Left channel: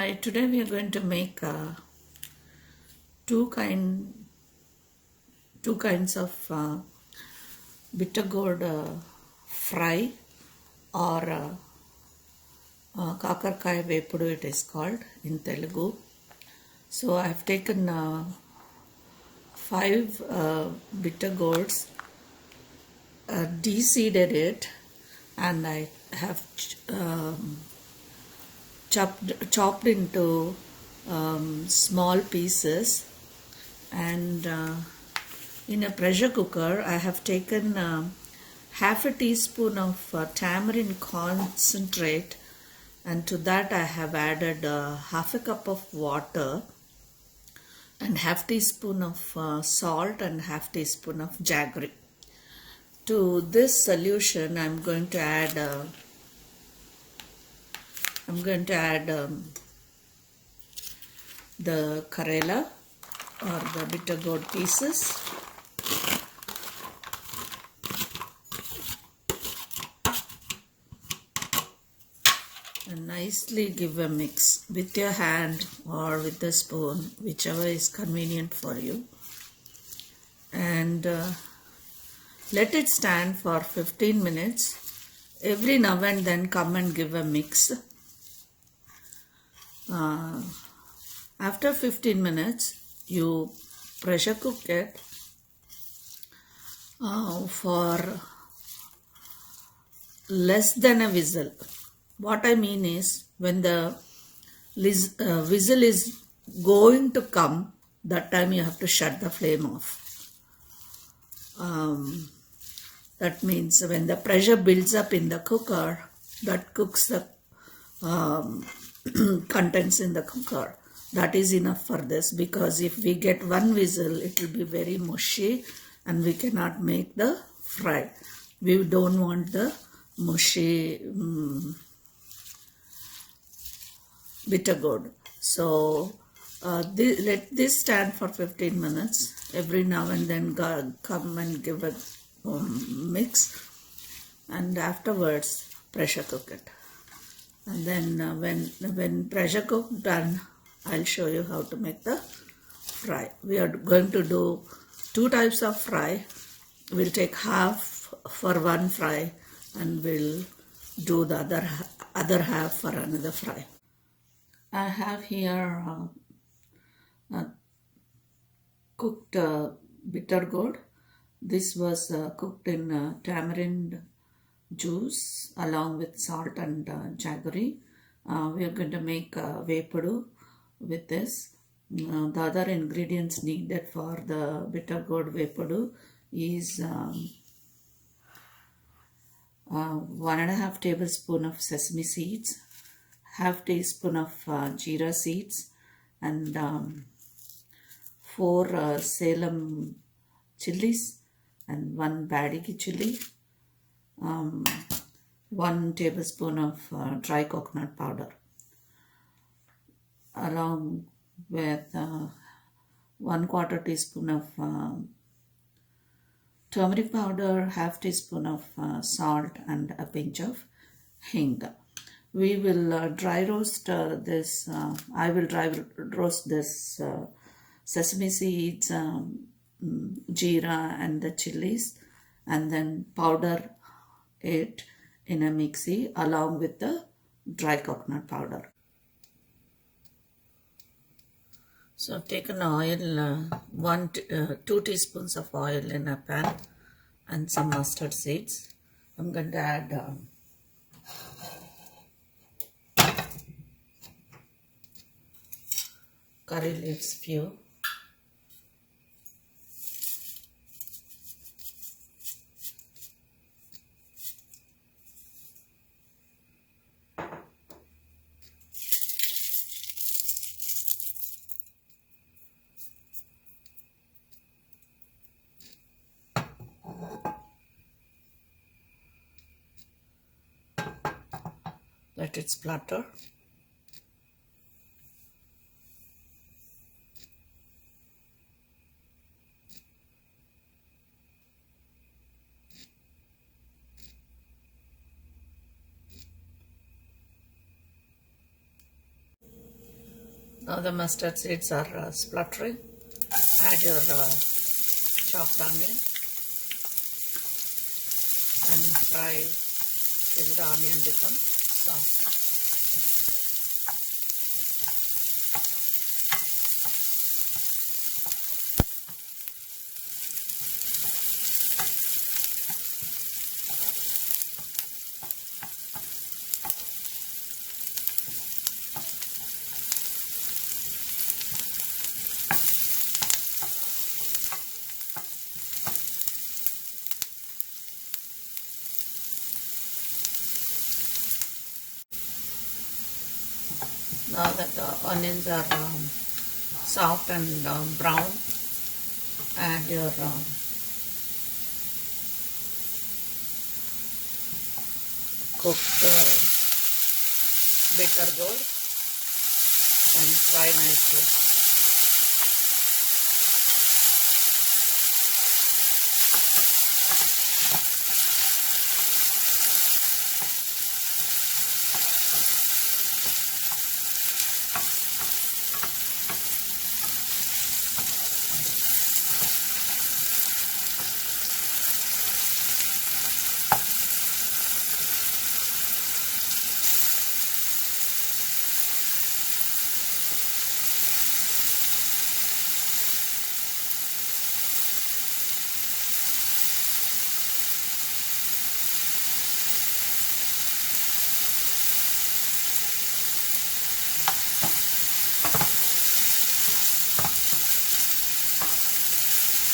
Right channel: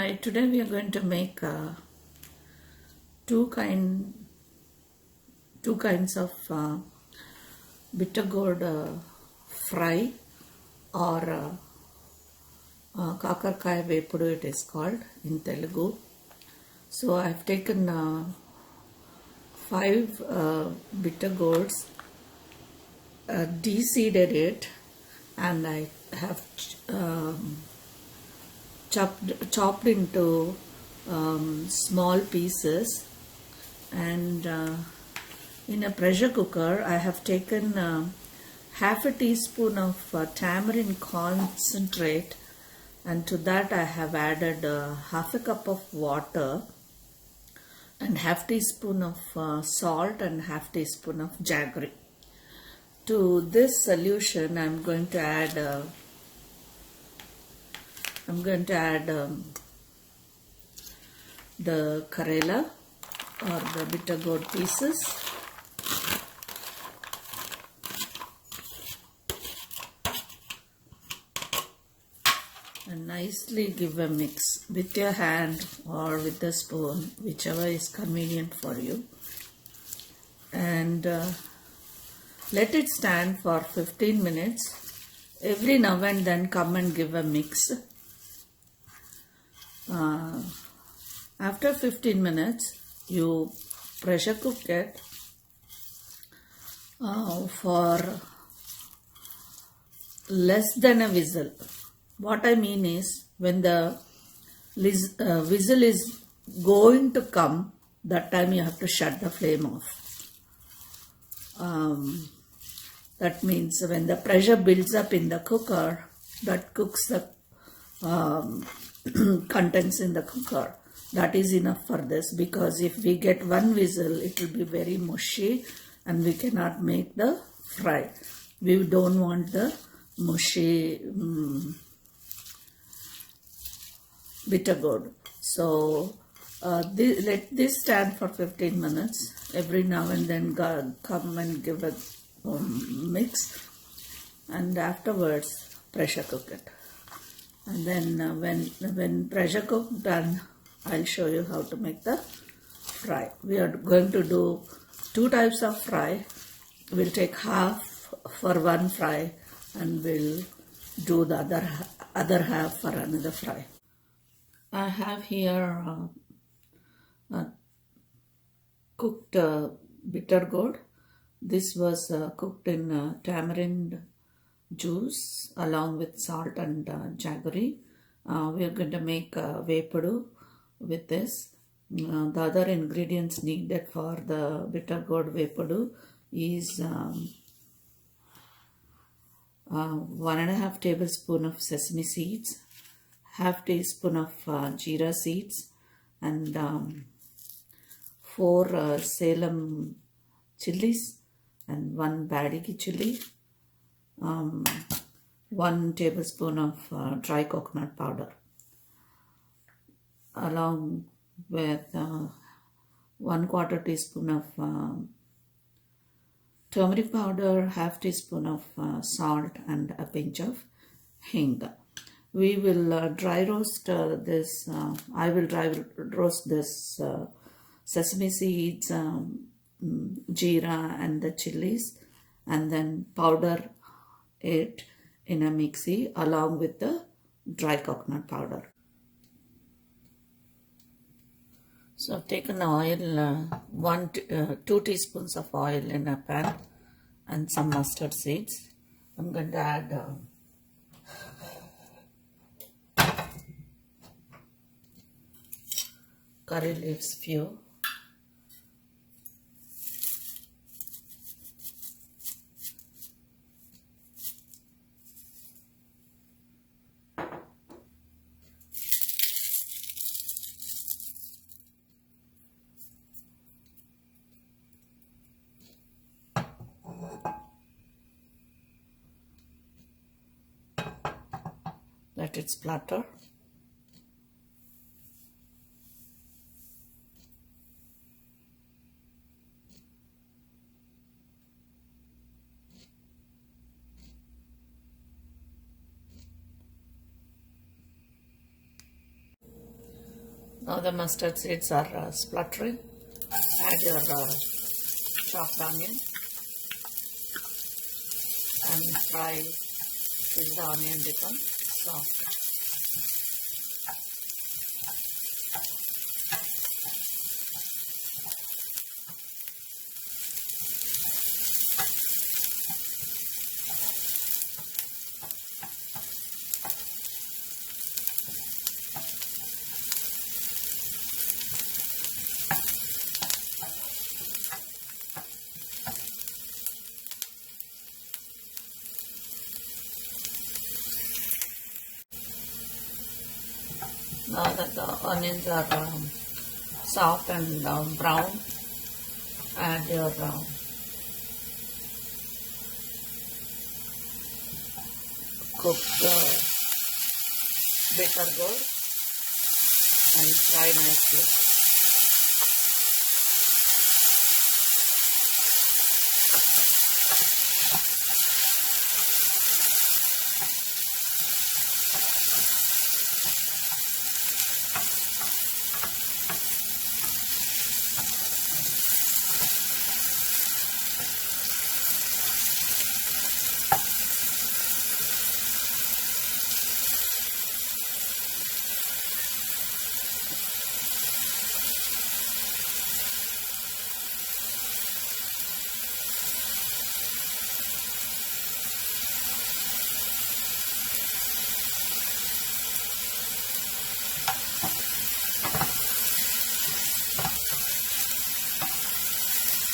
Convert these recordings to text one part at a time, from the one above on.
Hi, today we are going to make two kinds of bitter gourd fry or kakarkaya vepudu it is called in Telugu. So I have taken 5 bitter gourds, de-seeded it, and I have chopped into small pieces, and in a pressure cooker I have taken half a teaspoon of tamarind concentrate, and to that I have added half a cup of water and half teaspoon of salt and half teaspoon of jaggery. To this solution I'm going to add the karela or the bitter gourd pieces, and nicely give a mix with your hand or with a spoon, whichever is convenient for you, and let it stand for 15 minutes. Every now and then come and give a mix. After 15 minutes, you pressure cook it for less than a whistle. What I mean is, when the whistle is going to come, that time you have to shut the flame off. That means when the pressure builds up in the cooker, that cooks the contents in the cooker. That is enough for this, because if we get one whistle, it will be very mushy and we cannot make the fry. We don't want the mushy bitter gourd. So let this stand for 15 minutes. Every now and then come and give a mix, and afterwards pressure cook it. And then when pressure cook done, I'll show you how to make the fry. We are going to do 2 types of fry. We'll take half for one fry and we'll do the other half for another fry. I have here cooked bitter gourd. This was cooked in tamarind juice along with salt and jaggery. We are going to make vepudu with this. The other ingredients needed for the bitter gourd vepudu is 1.5 tablespoon of sesame seeds, half teaspoon of jeera seeds, and 4 Salem chilies and 1 badigi chili, 1 tablespoon of dry coconut powder, along with 1/4 teaspoon of turmeric powder, half teaspoon of salt, and a pinch of hing. We will dry roast this. I will dry roast this sesame seeds, jeera, and the chilies, and then powder it in a mixie along with the dry coconut powder. So I've taken oil, 2 teaspoons of oil in a pan, and some mustard seeds. I'm going to add curry leaves few, let it splatter. Now the mustard seeds are spluttering. Add your chopped onion and fry till the onion becomes soft. Now that the onions are soft and brown, add your cooked bitter gourd and fry nicely.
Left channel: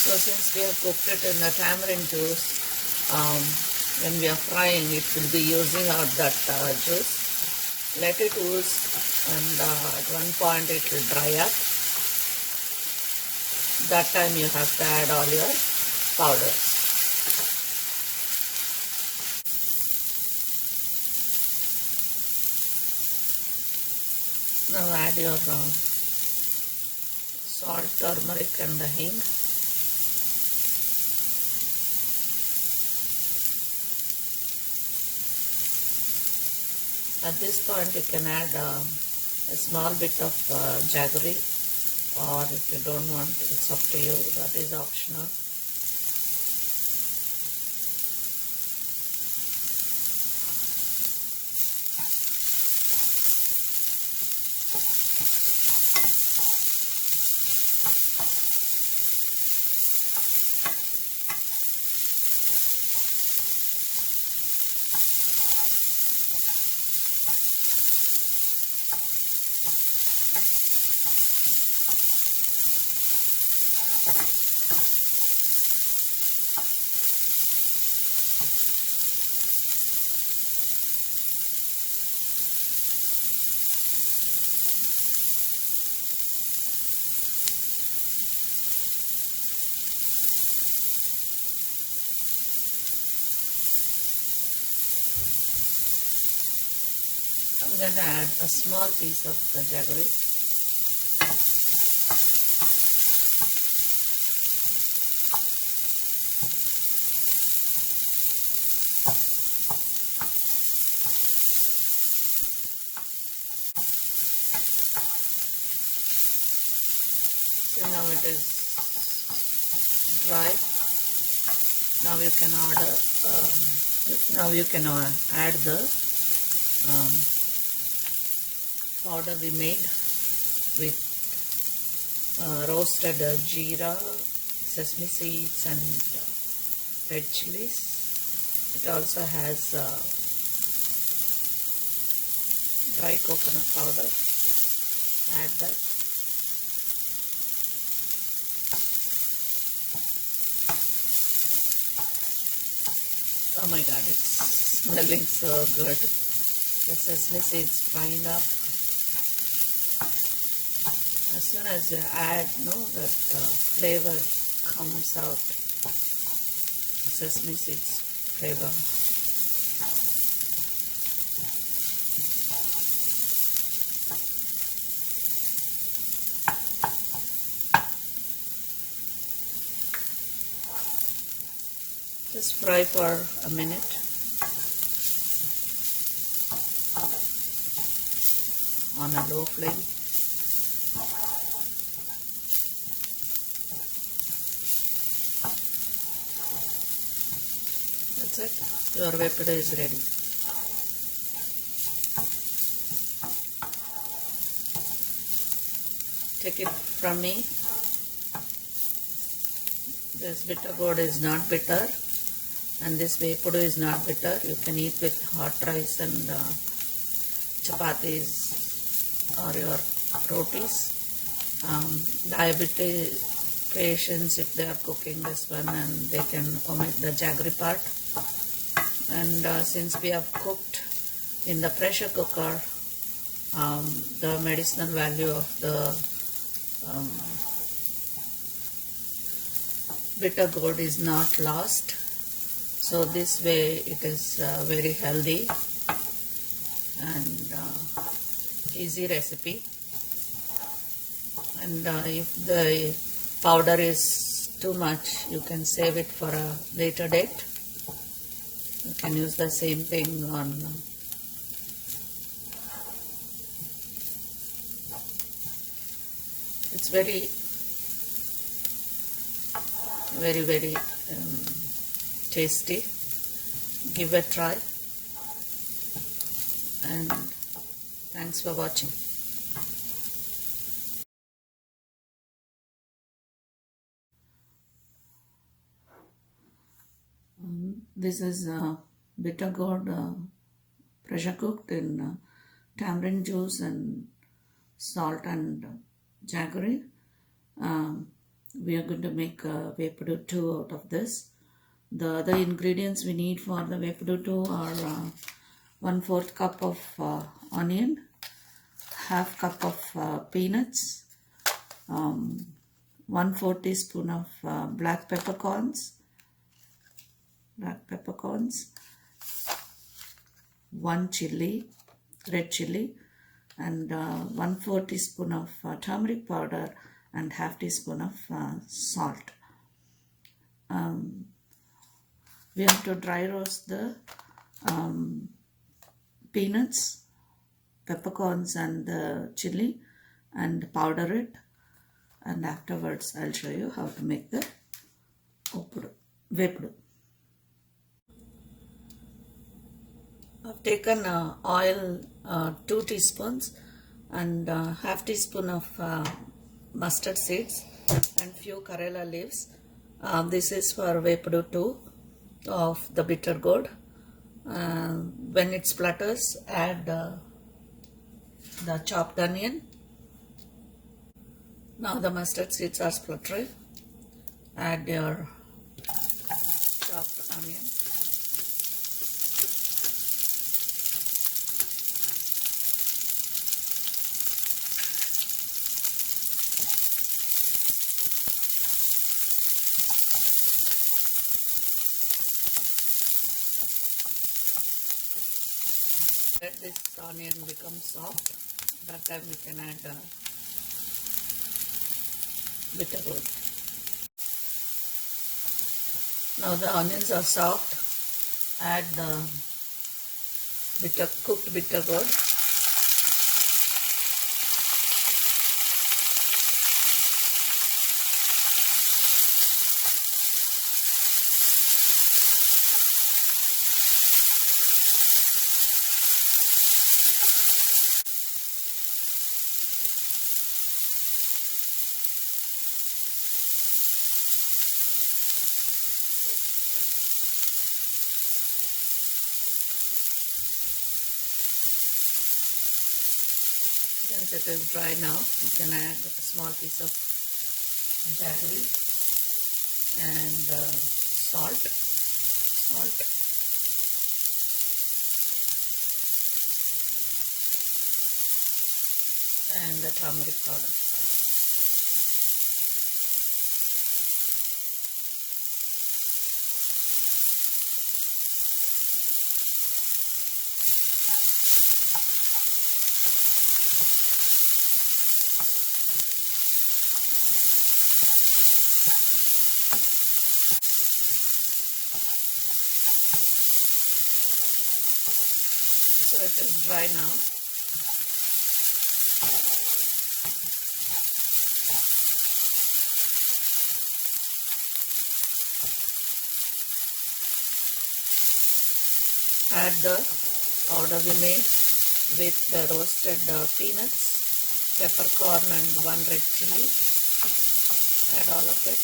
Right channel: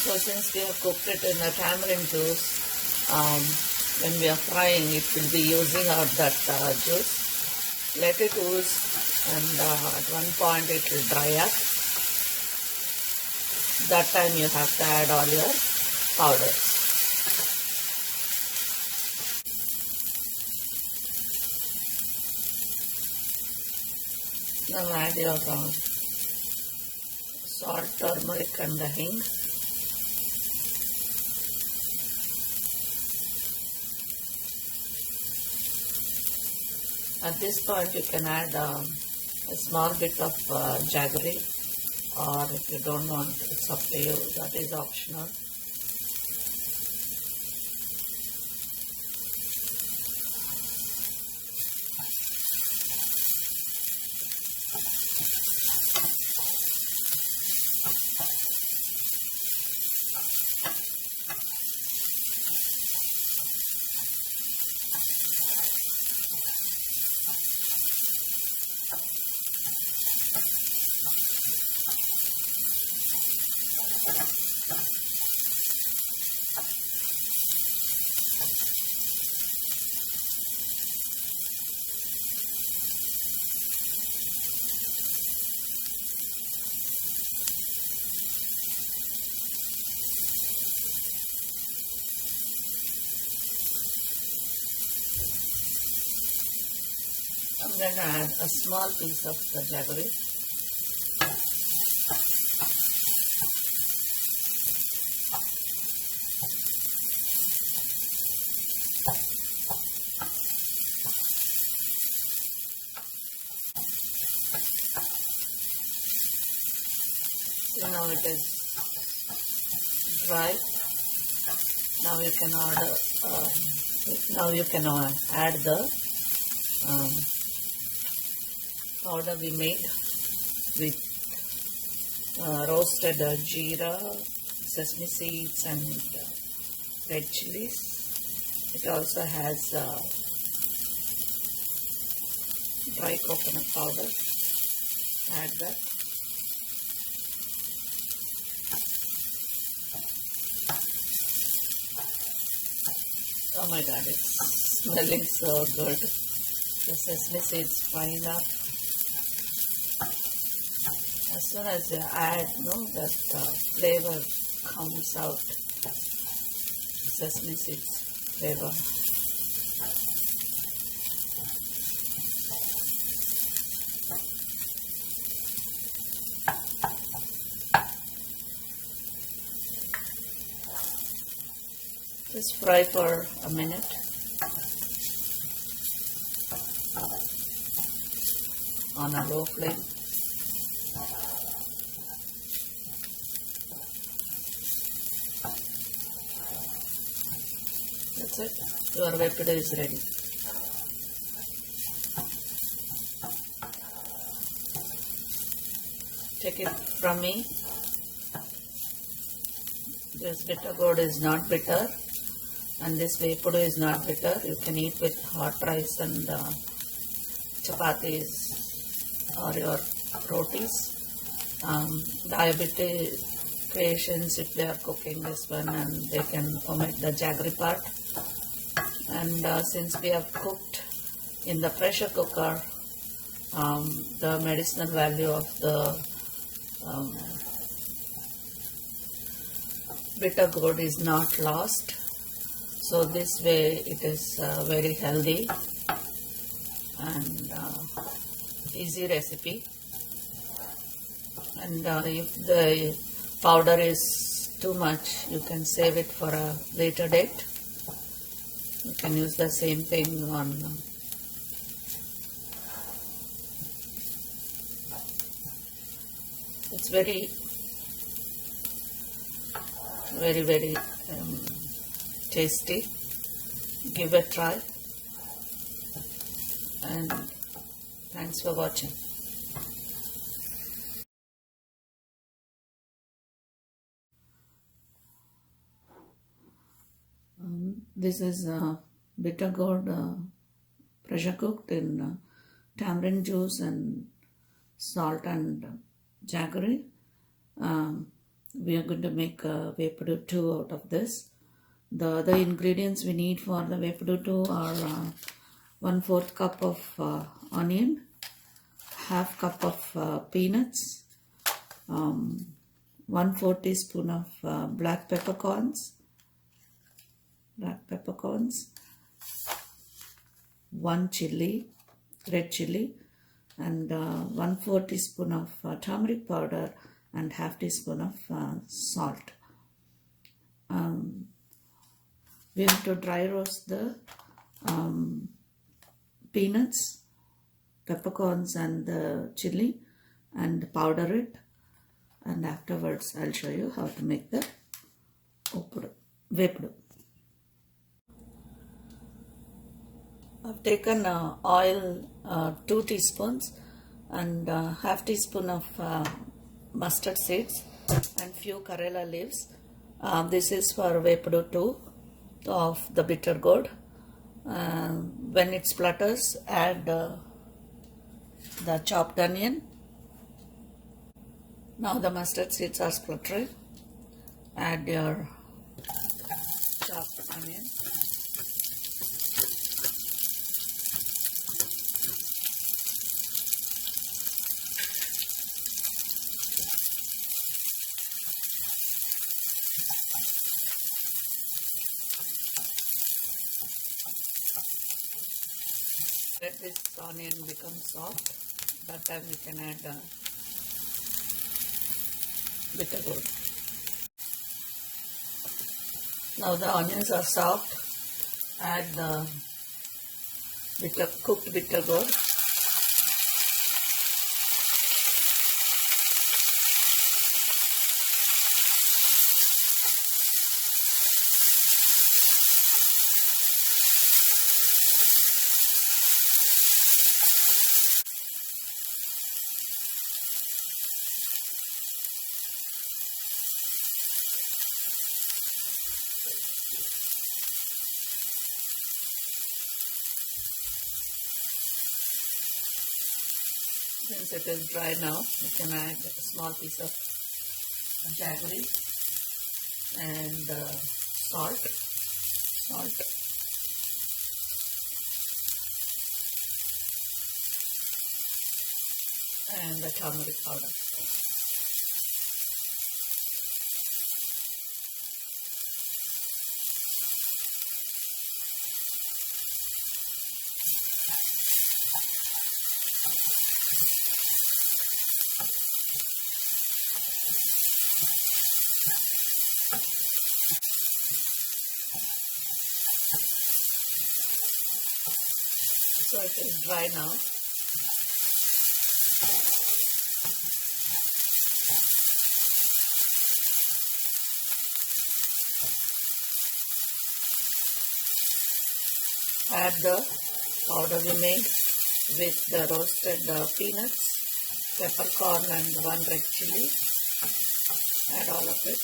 So since we have cooked it in the tamarind juice, when we are frying it will be using out that juice. Let it ooze and at one point it will dry up. That time you have to add all your powders. Now add your salt, turmeric and the hing. At this point you can add a small bit of jaggery, or if you don't want, it's up to you, that is optional. I'm going to add a small piece of the jaggery. See, now it is dry. Now you can add the powder we made with roasted jeera, sesame seeds and red chilies. It also has dry coconut powder. Add that. Oh my god, it's smelling so good. The sesame seeds frying up. As soon as you add, that flavor comes out. Sesame seeds flavor. Just fry for a minute. On a low flame. That's it. Your vegetable is ready. Take it from me. This bitter gourd is not bitter, and this vegetable is not bitter. You can eat with hot rice and chapatis or your rotis. Diabetes patients, if they are cooking this one, and they can omit the jaggery part. And since we have cooked in the pressure cooker, the medicinal value of the bitter gourd is not lost. So this way it is very healthy and easy recipe. And if the powder is too much, you can save it for a later date. You can use the same thing on it's very tasty. Give a try, and thanks for watching. This is bitter gourd pressure cooked in tamarind juice and salt and jaggery. We are going to make Method2 out of this. The other ingredients we need for the Method2 are 1/4 cup of onion, half cup of peanuts, 1/4 teaspoon of black peppercorns, 1 chili, red chili, and 1/4 teaspoon of turmeric powder and half teaspoon of salt. We have to dry roast the peanuts, peppercorns and the chili and powder it, and afterwards I'll show you how to make the vepudu. I've taken oil 2 teaspoons and half teaspoon of mustard seeds and few karela leaves. This is for Method2 of the bitter gourd. When it splutters, add the chopped onion. Now the mustard seeds are spluttering. Add your chopped onion. Let this onion become soft. That time we can add the bitter gourd. Now the onions are soft. Add the cooked bitter gourd. Since it is dry now, you can add a small piece of jaggery and salt, and the turmeric powder. So it is dry now. add the powder we made with the roasted peanuts, peppercorn and 1 red chili. Add all of it.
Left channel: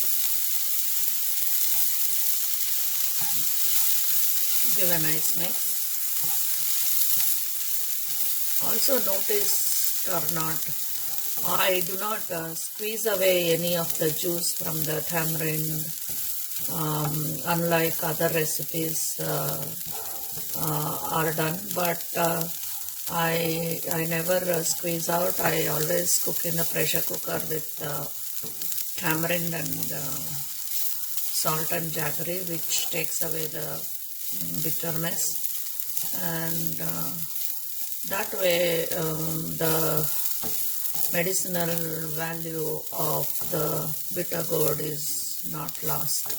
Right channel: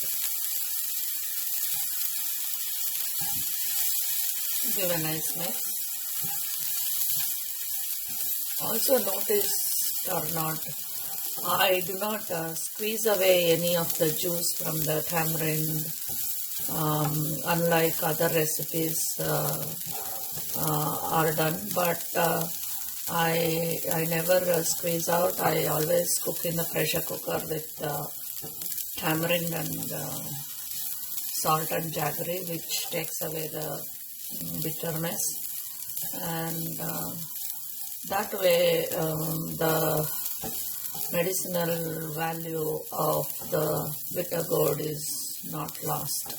Give a nice mix. Also notice or not, I do not squeeze away any of the juice from the tamarind, unlike other recipes are done, but I never squeeze out. I always cook in the pressure cooker with tamarind and salt and jaggery, which takes away the bitterness, and that way the medicinal value of the bitter gourd is not lost.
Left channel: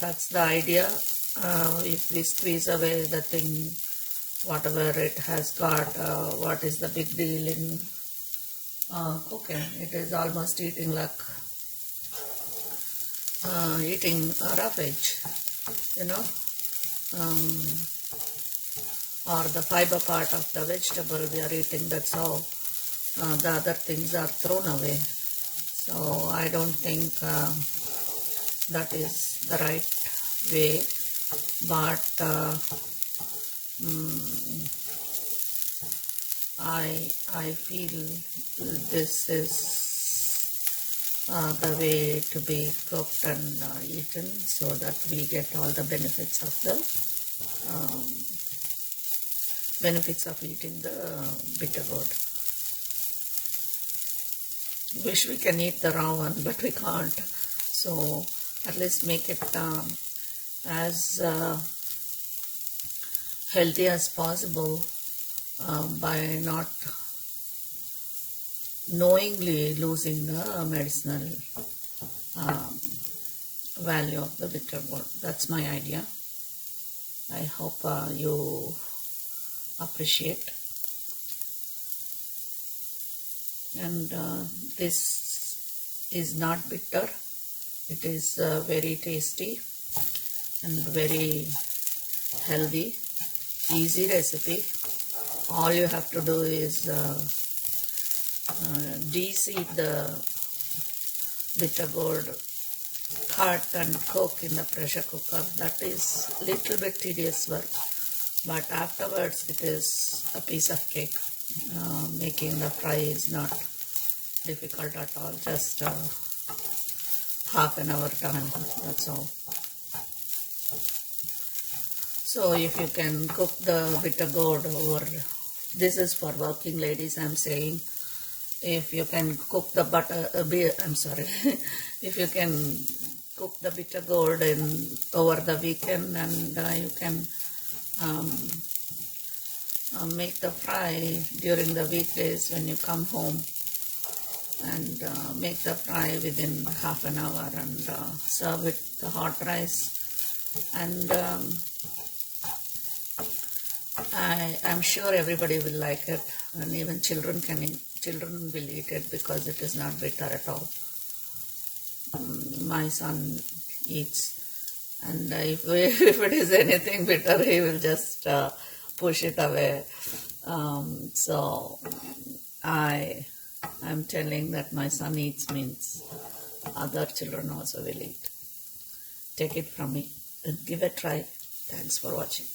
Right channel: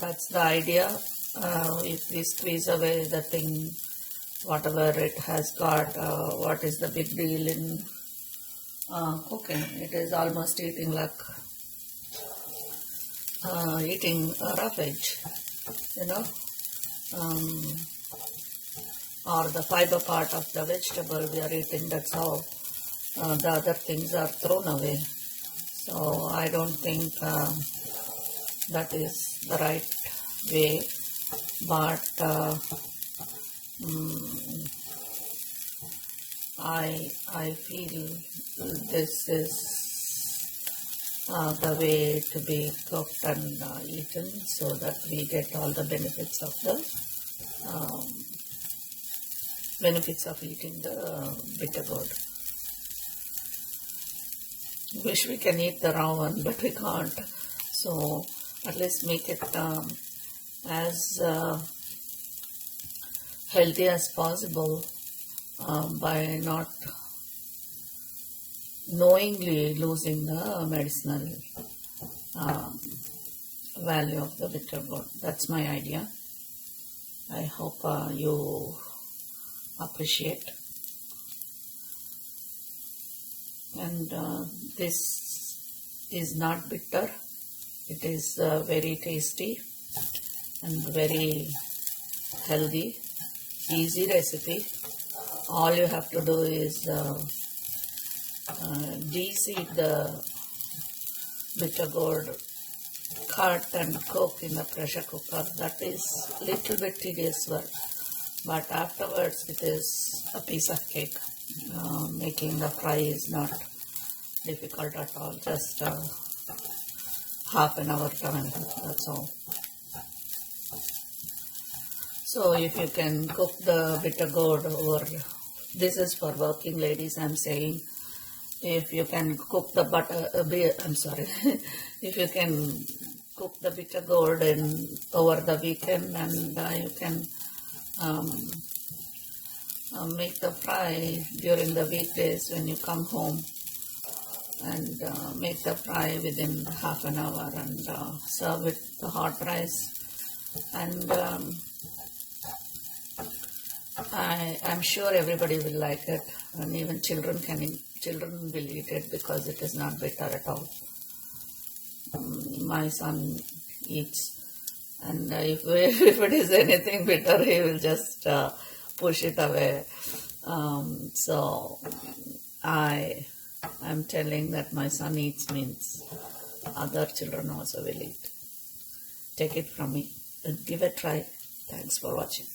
That's the idea. If we squeeze away the thing, whatever it has got, what is the big deal in cooking? It is almost eating like eating roughage, you know, or the fiber part of the vegetable we are eating. That's how the other things are thrown away. So I don't think that is the right way, but I feel this is the way to be cooked and eaten, so that we get all the benefits of the eating the bitter gourd. Wish we can eat the raw one, but we can't. So at least make it as healthy as possible by not knowingly losing the medicinal value of the bitter gourd. That's my idea. I hope you appreciate. And this is not bitter. It is very tasty and very healthy, easy recipe. All you have to do is de-seed the bitter gourd, cut and cook in the pressure cooker. That is little bit tedious work, but afterwards it is a piece of cake. Making the fry is not difficult at all, just half an hour time, that's all. So if you can cook the bitter gourd, or this is for working ladies I'm saying, if you can cook the if you can cook the bitter gourd over the weekend, and you can make the fry during the weekdays when you come home, and make the fry within half an hour, and serve it the hot rice. And I'm sure everybody will like it, and even children will eat it because it is not bitter at all. My son eats, and if it is anything bitter, he will just push it away. So I'm telling that my son eats means other children also will eat. Take it from me and give it a try. Thanks for watching.